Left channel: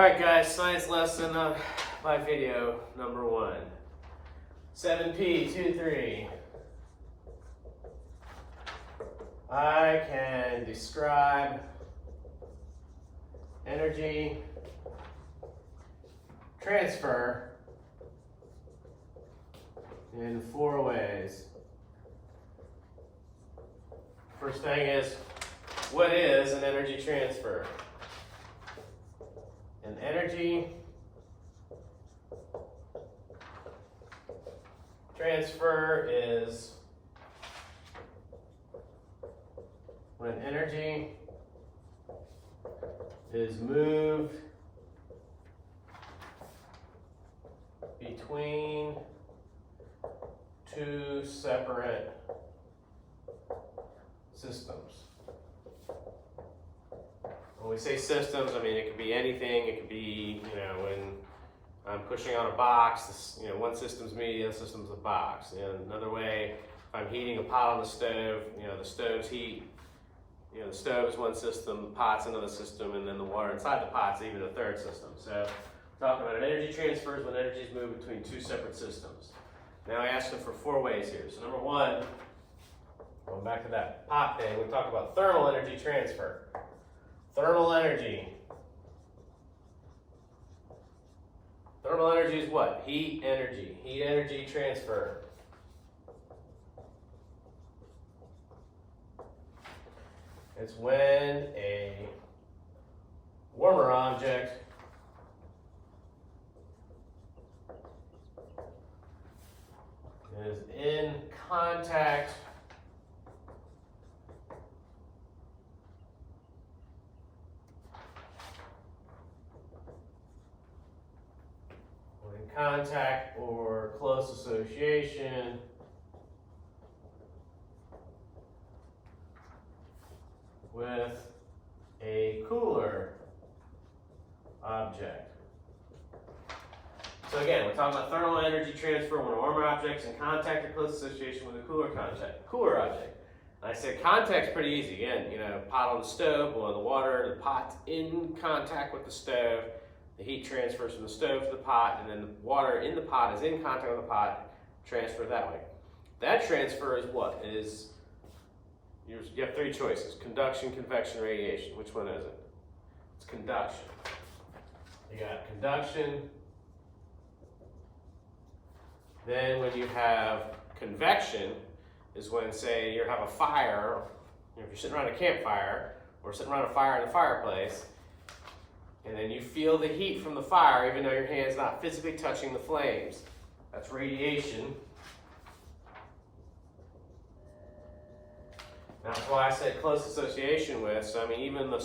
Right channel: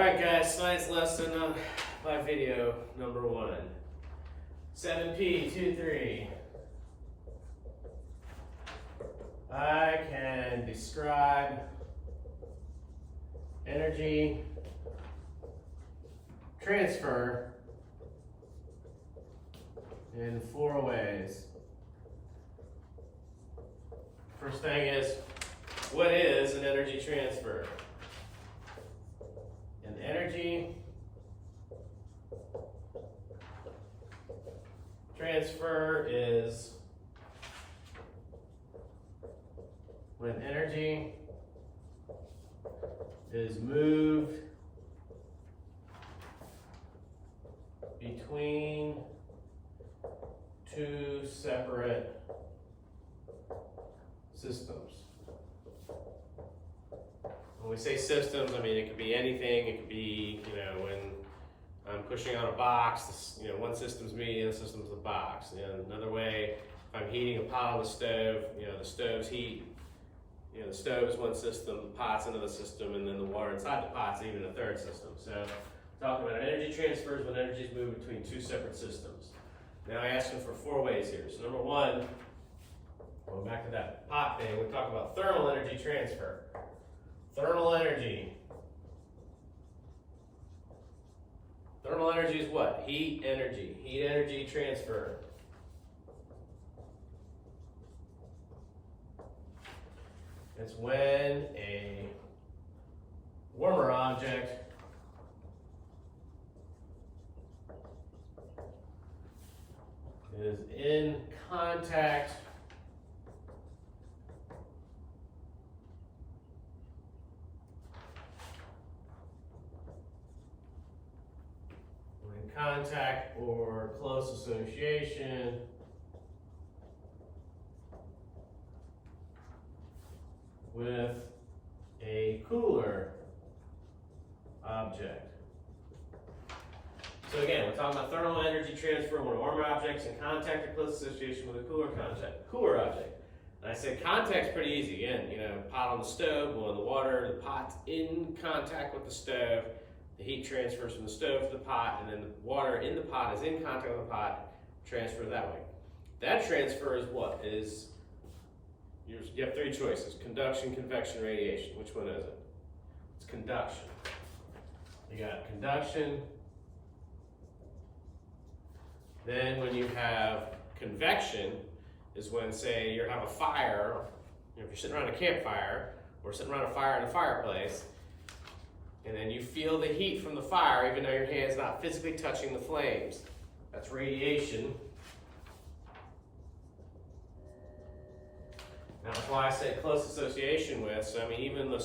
Alright guys, science lesson by video number 1. 7.P.2.3. I can describe energy transfer in 4 ways. First thing is, what is an energy transfer? An energy transfer is when energy is moved between 2 separate systems. When we say systems, I mean it could be anything. It could be, when I'm pushing on a box, one system's me, the other system's the box. And another way, if I'm heating a pot on the stove, the stove's heat, the stove is one system, the pot's another system, and then the water inside the pot's even a third system. So we're talking about an energy transfer is when energy is moved between 2 separate systems. Now I asked them for 4 ways here. So number 1, going back to that pot thing, we talked about thermal energy transfer. Thermal energy. Thermal energy is what? Heat energy. Heat energy transfer. It's when a warmer object is in contact or close association with a cooler object. So again, we're talking about thermal energy transfer when a warmer object is in contact or close association with a cooler object. And I said contact's pretty easy. Again, pot on the stove, boiling the water, the pot's in contact with the stove. The heat transfers from the stove to the pot, and then the water in the pot is in contact with the pot, transfers that way. That transfer is what? You have 3 choices: conduction, convection, radiation. Which one is it? It's conduction. You got conduction. Then when you have convection is when, say, you have a fire, if you're sitting around a campfire or sitting around a fire in the fireplace, and then you feel the heat from the fire even though your hand's not physically touching the flames. That's radiation. Now, that's why I said close association with. So, even the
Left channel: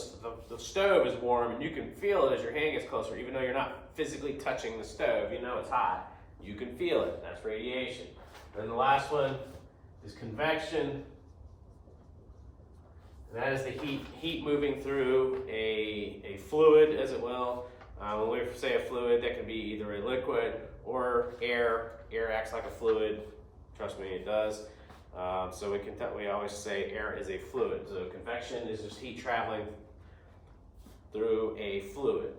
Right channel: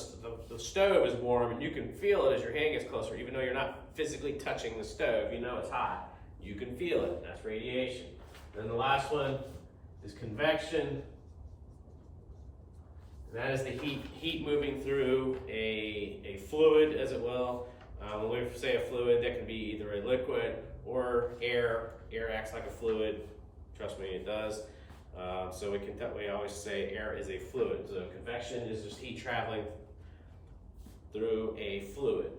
stove is warm and you can feel it as your hand gets closer. Even though you're not physically touching the stove, it's hot. You can feel it. That's radiation. Then the last one is convection. That is the heat moving through a fluid, as it will. When we say a fluid, that can be either a liquid or air. Air acts like a fluid. Trust me, it does. So we always say air is a fluid. So convection is just heat traveling through a fluid.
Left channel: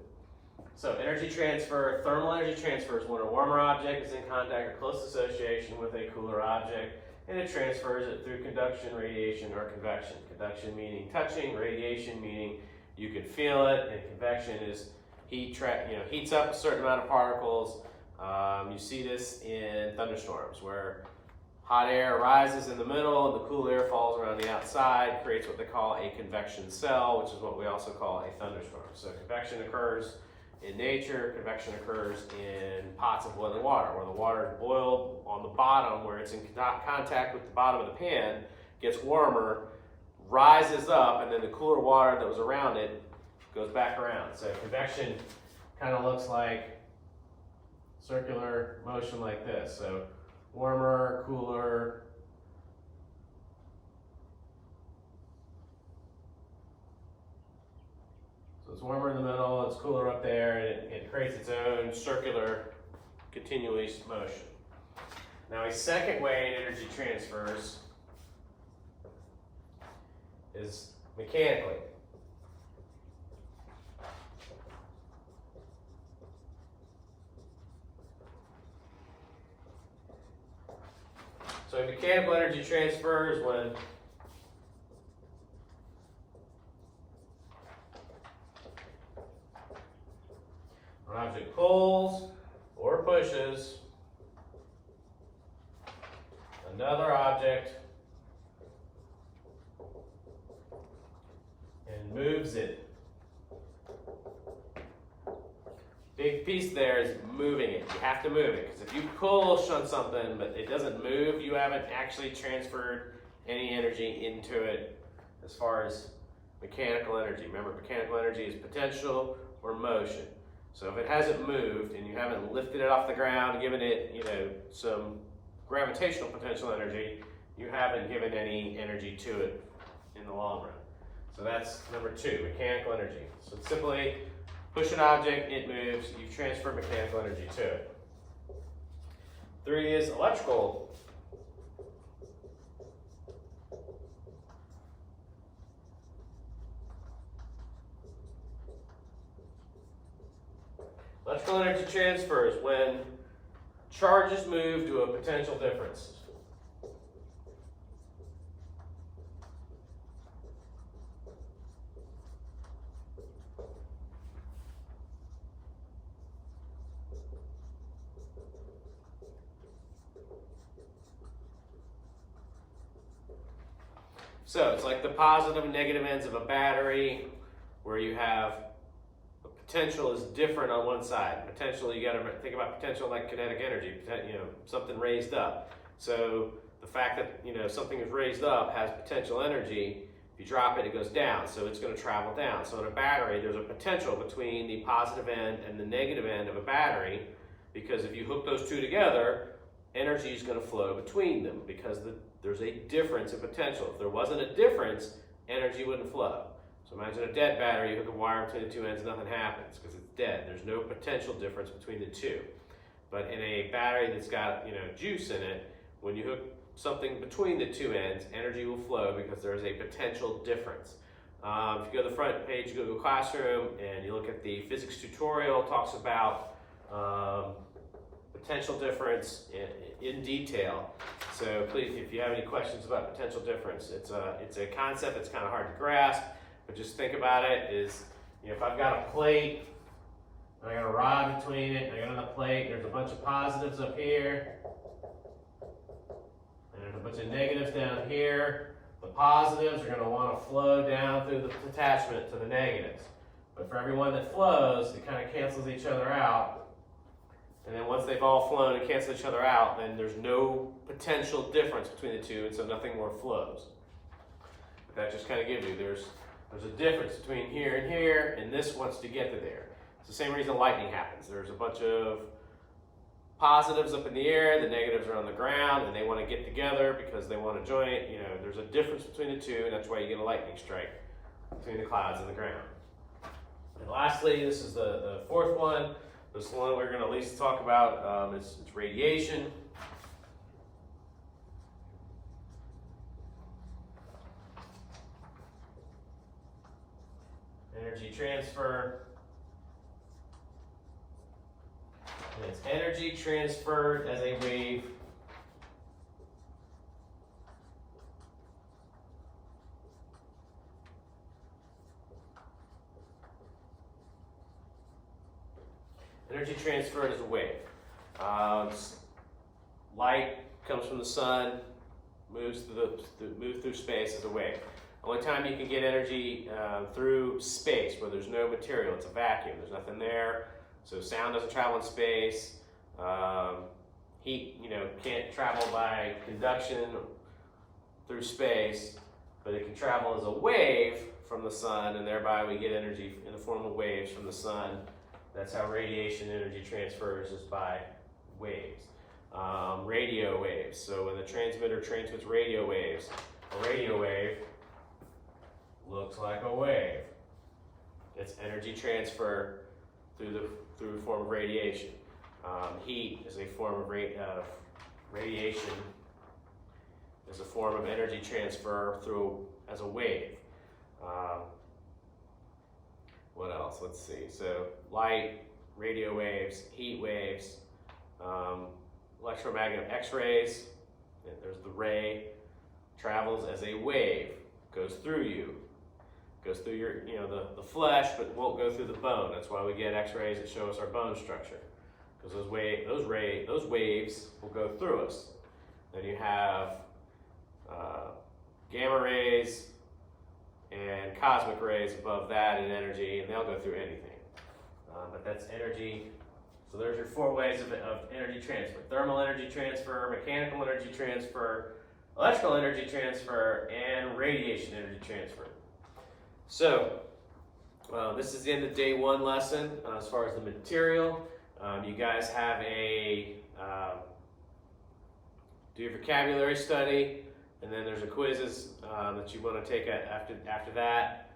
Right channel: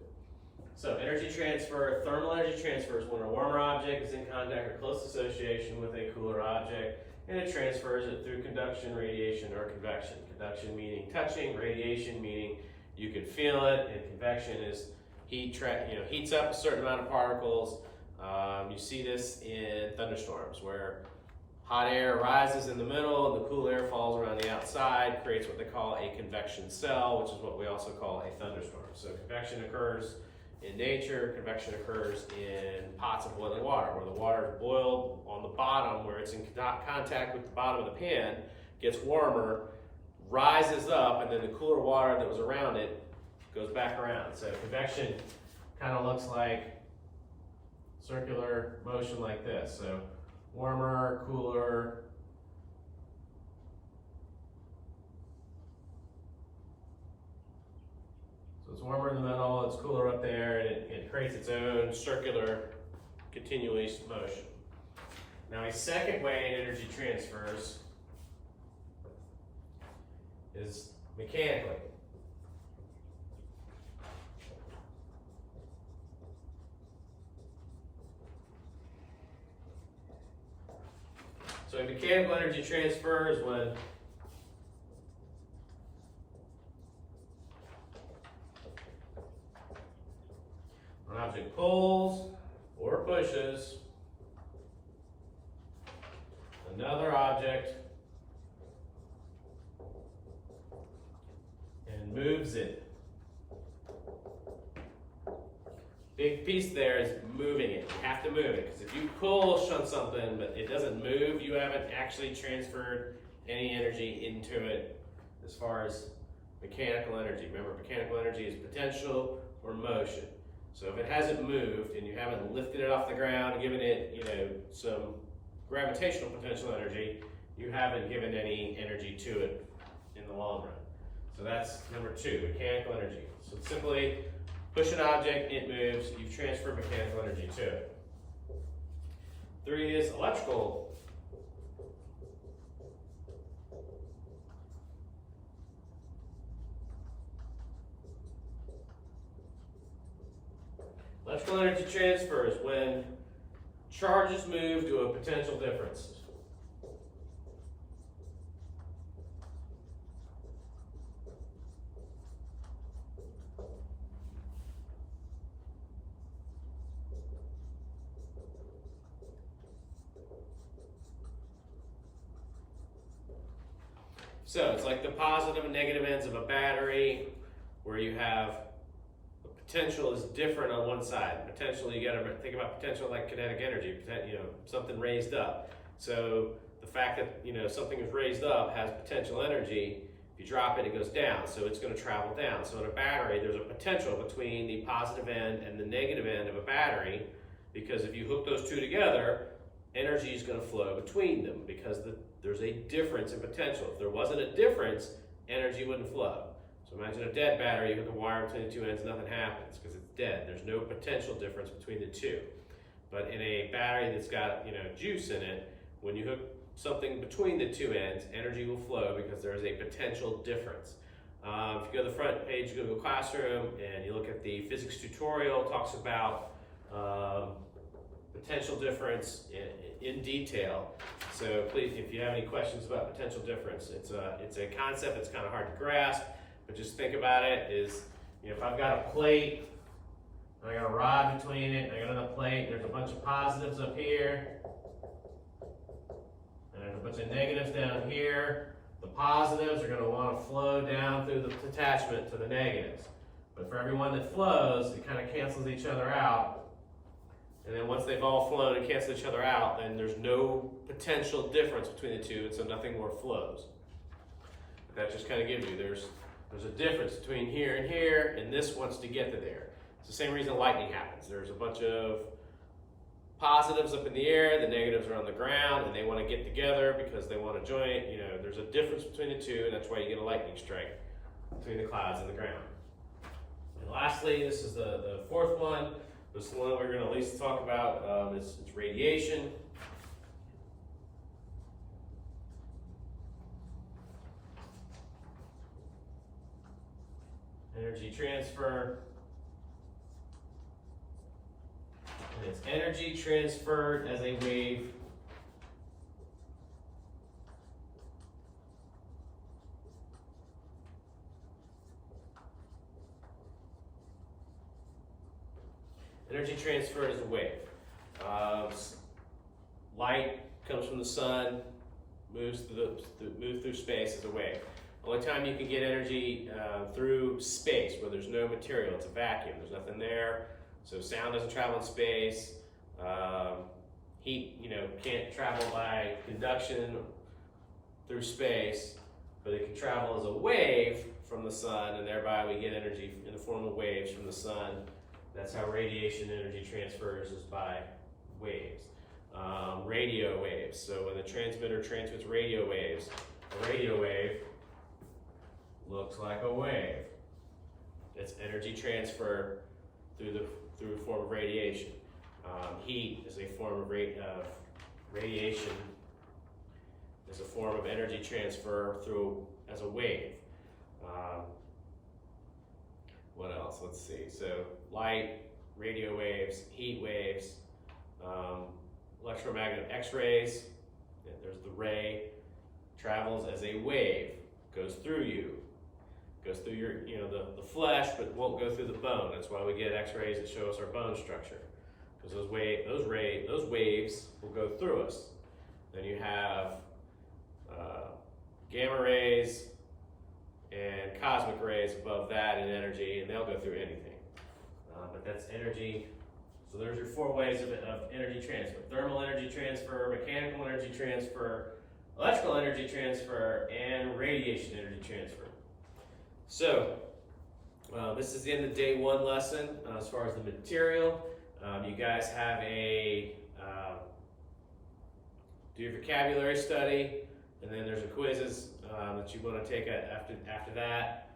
So energy transfer, thermal energy transfer is when a warmer object is in contact or close association with a cooler object. And it transfers it through conduction, radiation, or convection. Conduction meaning touching, radiation meaning you can feel it, and convection is heats up a certain amount of particles. You see this in thunderstorms where hot air rises in the middle and the cool air falls around the outside, creates what they call a convection cell, which is what we also call a thunderstorm. So convection occurs in nature. Convection occurs in pots of boiling water, where the water is boiled on the bottom, where it's in contact with the bottom of the pan, gets warmer, rises up, and then the cooler water that was around it goes back around. So convection kind of looks like circular motion like this. So warmer, cooler. So it's warmer in the middle, it's cooler up there, and it creates its own circular, continuous motion. Now, a second way in energy transfers is mechanically. So mechanical energy transfer is when an object pulls or pushes another object and moves it. Big piece there is moving it. You have to move it, because if you push on something but it doesn't move, you haven't actually transferred any energy into it as far as mechanical energy. Remember, mechanical energy is potential or motion. So if it hasn't moved and you haven't lifted it off the ground and given it, some gravitational potential energy, you haven't given any energy to it in the long run. So that's number 2, mechanical energy. So it's simply push an object, it moves, you've transferred mechanical energy to it. 3 is electrical. Electrical energy transfer is when charges move to a potential difference. So it's like the positive and negative ends of a battery, where you have the potential is different on one side. Potential, you got to think about potential like kinetic energy, something raised up. So the fact that something is raised up has potential energy. If you drop it, it goes down, so it's going to travel down. So in a battery, there's a potential between the positive end and the negative end of a battery, because if you hook those two together, energy is going to flow between them, because there's a difference in potential. If there wasn't a difference, energy wouldn't flow. So imagine a dead battery, you hook a wire between the two ends, nothing happens because it's dead. There's no potential difference between the two. But in a battery that's got juice in it, when you hook something between the two ends, energy will flow because there's a potential difference. If you go to the front page of Google Classroom and you look at the physics tutorial, it talks about potential difference in detail. So please, if you have any questions about potential difference, it's a concept that's kind of hard to grasp, but just think about it is, if I've got a plate, I got a rod between it, I got another plate, there's a bunch of positives up here, and there's a bunch of negatives down here. The positives are going to want to flow down through the attachment to the negatives. But for every one that flows, it kind of cancels each other out. And then once they've all flown and canceled each other out, then there's no potential difference between the two, and so nothing more flows. But that just kind of gives you, there's a difference between here, and this wants to get to there. It's the same reason lightning happens. There's a bunch of positives up in the air, the negatives are on the ground, and they want to get together because they want to join. There's a difference between the two, and that's why you get a lightning strike between the clouds and the ground. And lastly, this is the 4th one. This one we're going to at least talk about is radiation. Energy transfer. And it's energy transferred as a wave energy transferred as a wave. Light comes from the sun, moves through space as a wave. Only time you can get energy through space, where there's no material, it's a vacuum, there's nothing there, so sound doesn't travel in space. Heat, can't travel by conduction through space, but it can travel as a wave from the sun, and thereby we get energy in the form of waves from the sun. That's how radiation energy transfers, is by waves. Radio waves. So when the transmitter transmits radio waves, a radio wave looks like a wave. It's energy transfer through the form of radiation. Heat is a form of radiation. Is a form of energy transfer as a wave. What else? Let's see. So light, radio waves, heat waves, electromagnetic X-rays, There's the ray, travels as a wave, goes through you, goes through your, the flesh, but won't go through the bone. That's why we get X-rays that show us our bone structure, because those waves will go through us. Then you have gamma rays and cosmic rays above that in energy, and they'll go through anything. But that's energy. So there's your 4 ways of energy transfer: thermal energy transfer, mechanical energy transfer, electrical energy transfer, and radiation energy transfer. So this is the end of day 1 lesson. As far as the material, you guys have do your vocabulary study, and then there's a quizzes that you want to take after that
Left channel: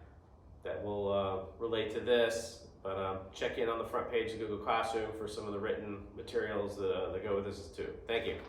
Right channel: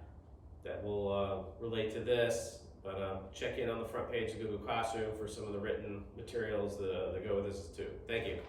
will relate to this. But check in on the front page of Google Classroom for some of the written materials that go with this too. Thank you.